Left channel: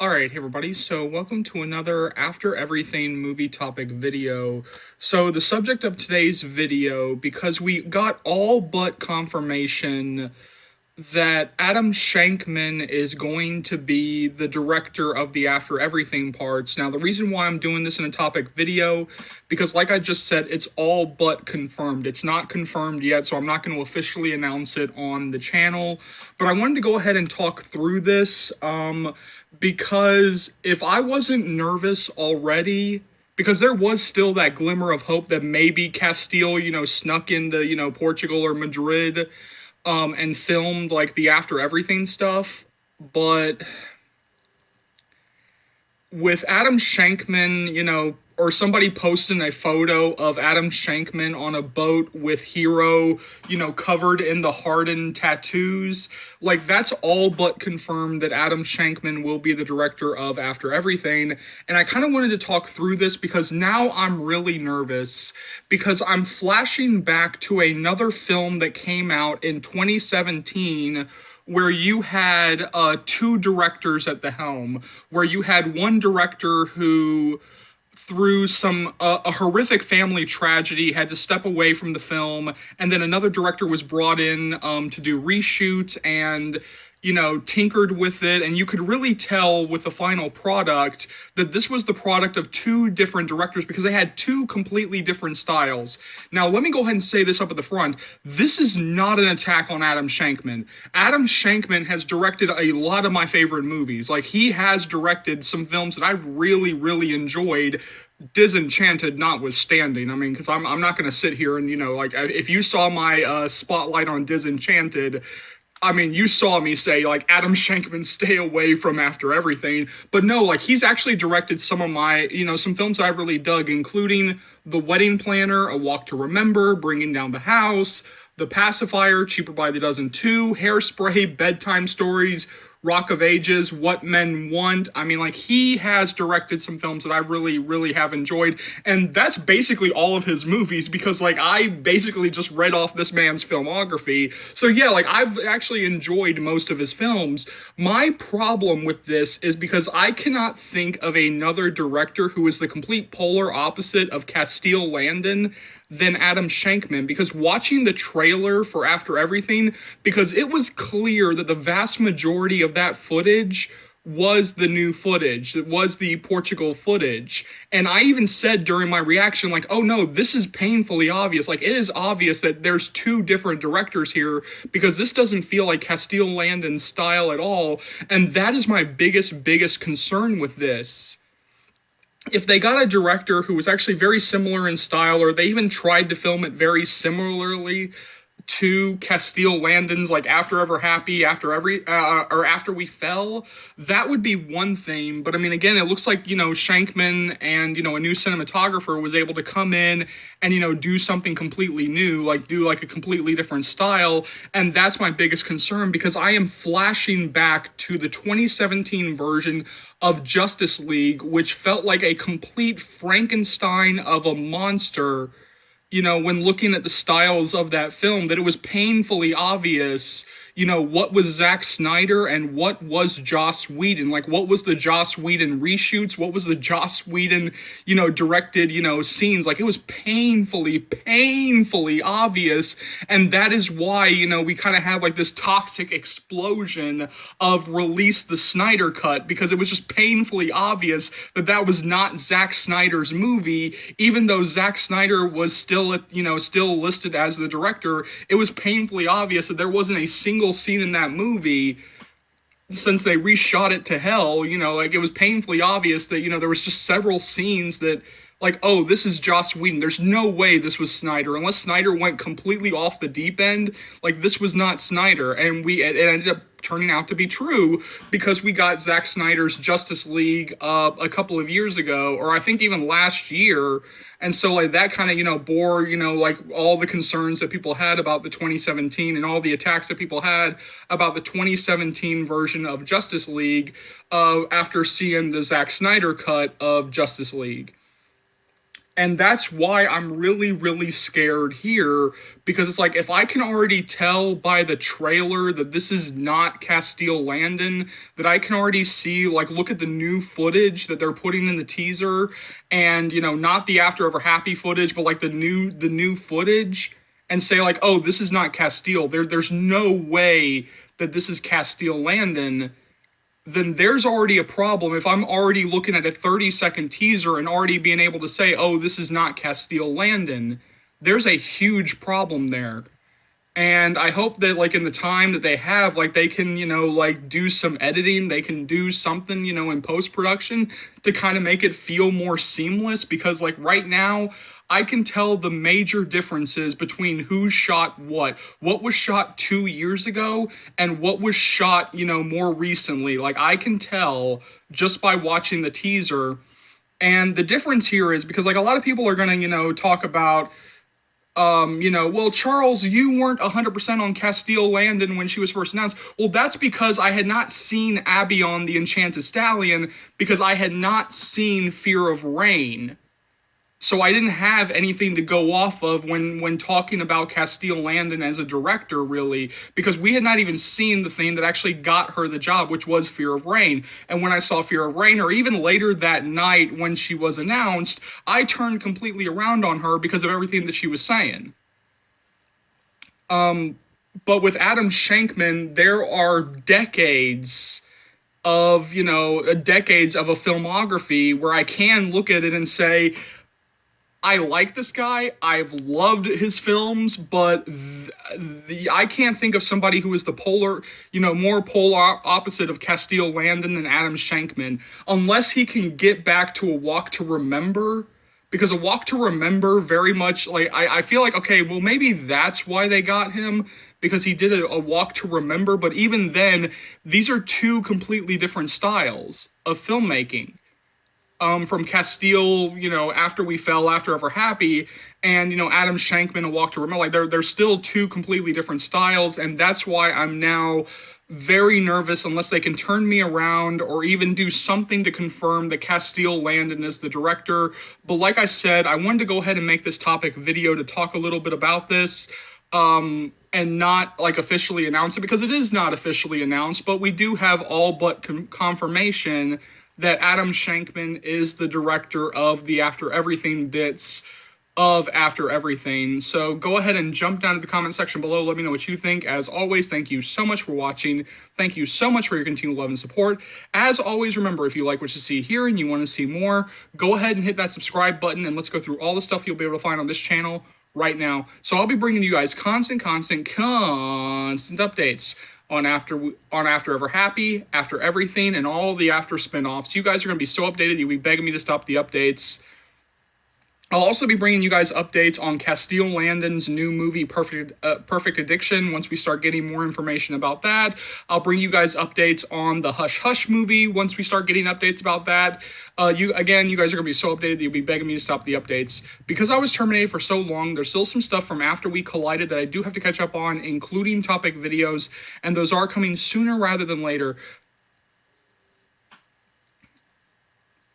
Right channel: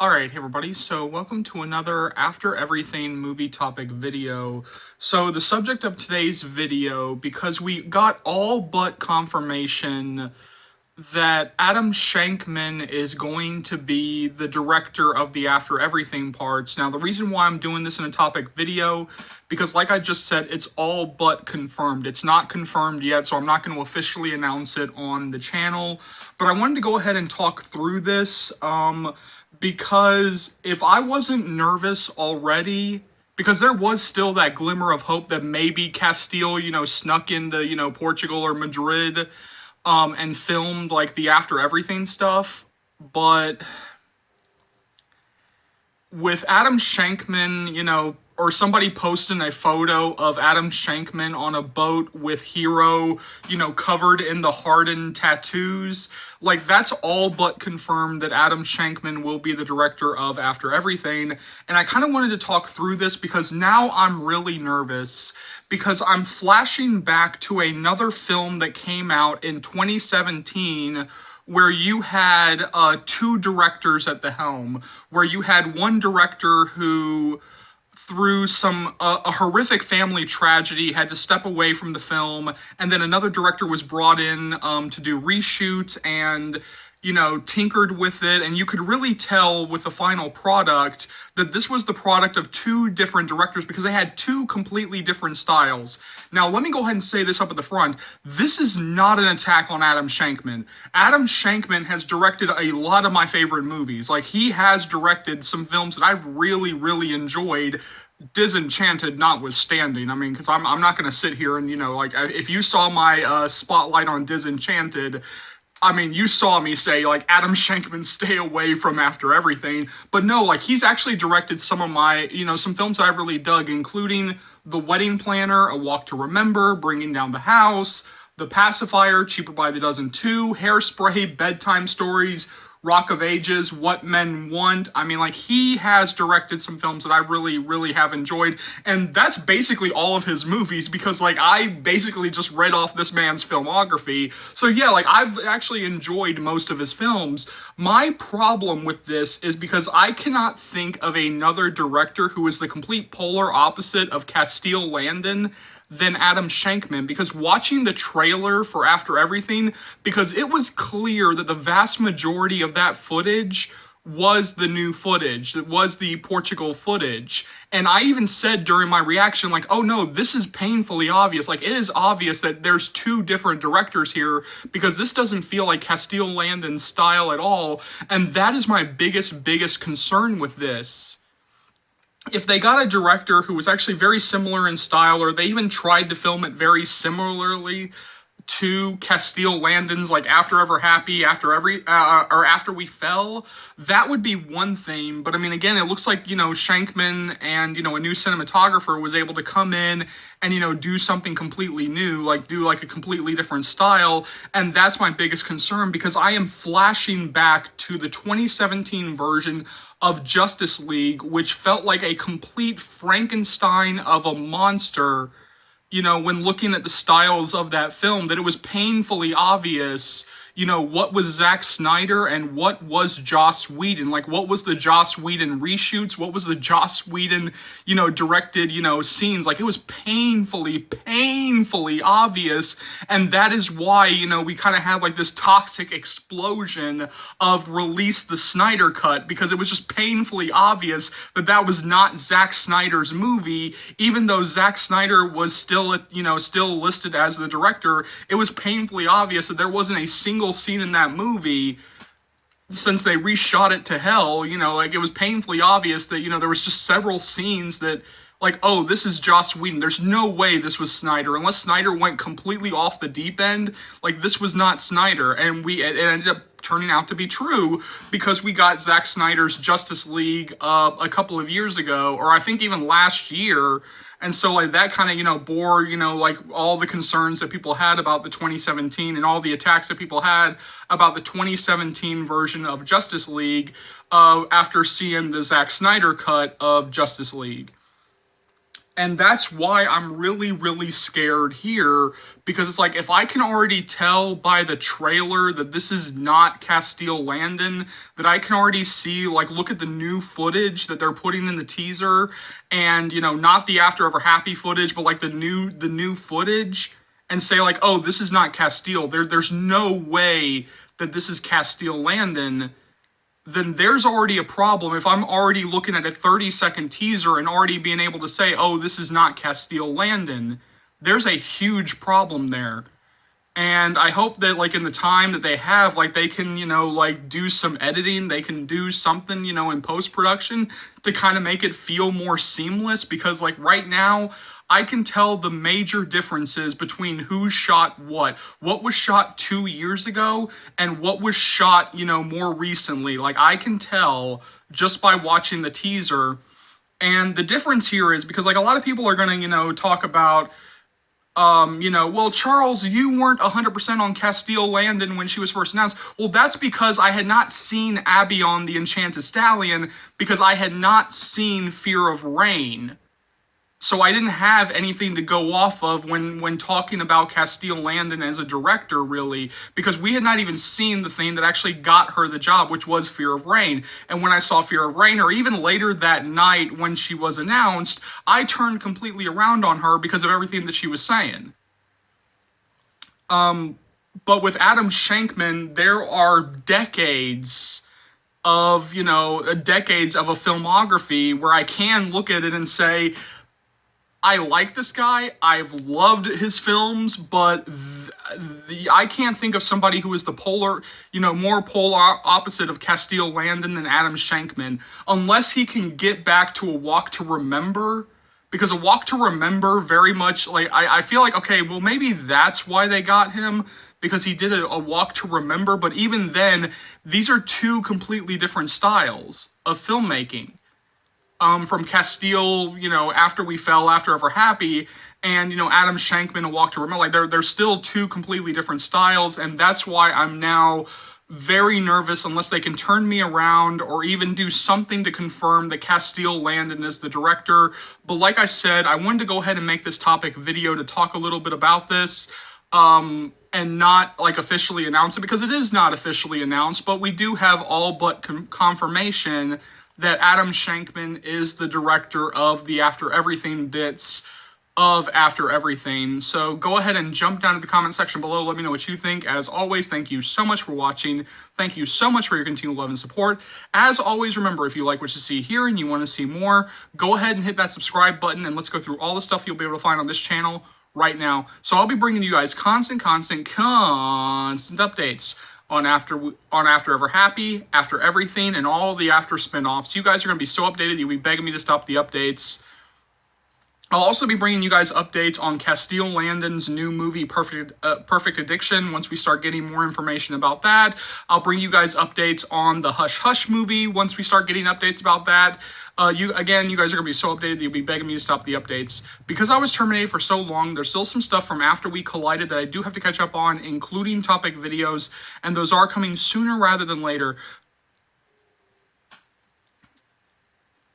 Alright, hey everybody, so welcome to another After Everything movie topic video. So the subject of today's video, because we got all but confirmation that Adam Shankman is going to be the director of the After Everything parts. Now, the reason why I'm doing this in a topic video, because like I just said, it's all but confirmed. It's not confirmed yet, so I'm not going to officially announce it on the channel. But I wanted to go ahead and talk through this, because if I wasn't nervous already, because there was still that glimmer of hope that maybe Castile, snuck into, Portugal or Madrid, and filmed like the After Everything stuff, but with Adam Shankman, or somebody posting a photo of Adam Shankman on a boat with Hero, covered in the hardened tattoos, like that's all but confirmed that Adam Shankman will be the director of After Everything. And I kind of wanted to talk through this because now I'm really nervous because I'm flashing back to another film that came out in 2017 where you had two directors at the helm, where you had one director who, through some a horrific family tragedy, had to step away from the film, and then another director was brought in to do reshoots and tinkered with it, and you could really tell with the final product that this was the product of two different directors because they had two completely different styles. Now, let me go ahead and say this up at the front. This is not an attack on Adam Shankman. Adam Shankman has directed a lot of my favorite movies. Like, he has directed some films that I've really, really enjoyed, Disenchanted notwithstanding. I mean, because I'm not going to sit here and, like, if you saw my spotlight on Disenchanted, I mean, you saw me say, like, Adam Shankman, stay away from After Everything. But no, like, he's actually directed some of my, some films I really dug, including The Wedding Planner, A Walk to Remember, Bringing Down the House, The Pacifier, Cheaper by the Dozen 2, Hairspray, Bedtime Stories, Rock of Ages, What Men Want. I mean, like, he has directed some films that I really, really have enjoyed, and that's basically all of his movies because, like, I basically just read off this man's filmography. So yeah, like, I've actually enjoyed most of his films. My problem with this is because I cannot think of another director who is the complete polar opposite of Castile Landon than Adam Shankman, because watching the trailer for After Everything, because it was clear that the vast majority of that footage was the new footage. It was the Portugal footage. And I even said during my reaction, like, oh no, this is painfully obvious. Like, it is obvious that there's two different directors here because this doesn't feel like Castile Landon's style at all. And that is my biggest concern with this. If they got a director who was actually very similar in style, or they even tried to film it very similarly to Castile Landon's, like After Ever Happy, or After We Fell, that would be one thing. But I mean, again, it looks like, Shankman and, a new cinematographer was able to come in and, do something completely new, like do like a completely different style. And that's my biggest concern because I am flashing back to the 2017 version of Justice League, which felt like a complete Frankenstein of a monster, when looking at the styles of that film, that it was painfully obvious, what was Zack Snyder and what was Joss Whedon. Like, what was the Joss Whedon reshoots? What was the Joss Whedon, directed, scenes? Like, it was painfully obvious. And that is why, we kind of had like this toxic explosion of release the Snyder cut, because it was just painfully obvious that that was not Zack Snyder's movie, even though Zack Snyder was still, still listed as the director. It was painfully obvious that there wasn't a single scene in that movie, since they reshot it to hell, like, it was painfully obvious that, there was just several scenes that, like, oh, this is Joss Whedon. There's no way this was Snyder. Unless Snyder went completely off the deep end, like, this was not Snyder. And it ended up turning out to be true because we got Zack Snyder's Justice League a couple of years ago, or I think even last year. And so, like, that kind of, bore, like, all the concerns that people had about the 2017 and all the attacks that people had about the 2017 version of Justice League after seeing the Zack Snyder cut of Justice League. And that's why I'm really, really scared here, because it's like, if I can already tell by the trailer that this is not Castile Landon, that I can already see, like, look at the new footage that they're putting in the teaser, and, you know, not the After Ever Happy footage, but like the new footage, and say like, oh, this is not Castile. There's no way that this is Castile Landon. Then there's already a problem if I'm already looking at a 30-second teaser and already being able to say, oh, this is not Castile Landon. There's a huge problem there. And I hope that, like, in the time that they have, like, they can, you know, like, do some editing, they can do something, you know, in post-production to kind of make it feel more seamless, because, like, right now, I can tell the major differences between who shot what was shot 2 years ago and what was shot, you know, more recently. Like, I can tell just by watching the teaser. And the difference here is because, like, a lot of people are going to, you know, talk about, you know, well, Charles, you weren't 100% on Castile Landon when she was first announced. Well, that's because I had not seen Abby on the Enchanted Stallion, because I had not seen Fear of Rain. So I didn't have anything to go off of when talking about Castile Landon as a director, really, because we had not even seen the thing that actually got her the job, which was Fear of Rain. And when I saw Fear of Rain, or even later that night when she was announced, I turned completely around on her because of everything that she was saying. But with Adam Shankman, there are decades of, you know, decades of a filmography where I can look at it and say, I like this guy, I've loved his films, but I can't think of somebody who is the polar, you know, more polar opposite of Castile Landon than Adam Shankman, unless he can get back to A Walk to Remember, because A Walk to Remember very much, like, I feel like, okay, well, maybe that's why they got him, because he did a Walk to Remember, but even then, these are two completely different styles of filmmaking. From Castile, you know, After We Fell, After Ever Happy, and, you know, Adam Shankman, A Walk to Remember. Like, they're still two completely different styles, and that's why I'm now very nervous, unless they can turn me around or even do something to confirm that Castile Landon is the director. But like I said, I wanted to go ahead and make this topic video to talk a little bit about this, and not, like, officially announce it, because it is not officially announced, but we do have all but confirmation that Adam Shankman is the director of the After Everything bits of After Everything. So go ahead and jump down to the comment section below. Let me know what you think. As always, thank you so much for watching. Thank you so much for your continued love and support. As always, remember, if you like what you see here and you want to see more, go ahead and hit that subscribe button, and let's go through all the stuff you'll be able to find on this channel right now. So I'll be bringing you guys constant updates on After Ever Happy, After Everything, and all the After spinoffs. You guys are going to be so updated, you'll be begging me to stop the updates. I'll also be bringing you guys updates on Castile Landon's new movie, Perfect Addiction, once we start getting more information about that. I'll bring you guys updates on the Hush Hush movie once we start getting updates about that. You guys are going to be so updated that you'll be begging me to stop the updates. Because I was terminated for so long, there's still some stuff from After We Collided that I do have to catch up on, including topic videos, and those are coming sooner rather than later.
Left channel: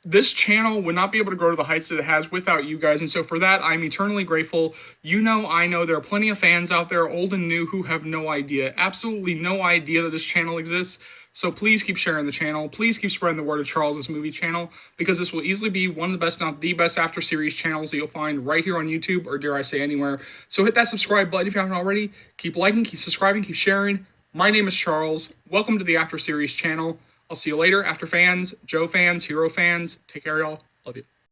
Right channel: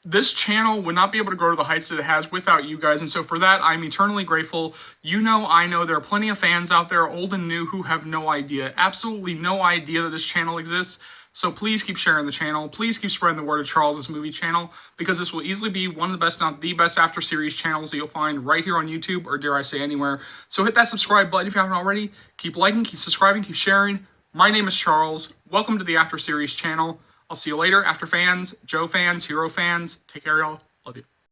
This channel would not be able to grow to the heights that it has without you guys, and so for that, I'm eternally grateful. You know, I know there are plenty of fans out there, old and new, who have no idea, absolutely no idea that this channel exists. So please keep sharing the channel. Please keep spreading the word of Charles's Movie channel, because this will easily be one of the best, not the best, After series channels that you'll find right here on YouTube, or dare I say anywhere. So hit that subscribe button if you haven't already. Keep liking, keep subscribing, keep sharing. My name is Charles. Welcome to the After series channel. I'll see you later, After fans, Joe fans, Hero fans. Take care, y'all. Love you.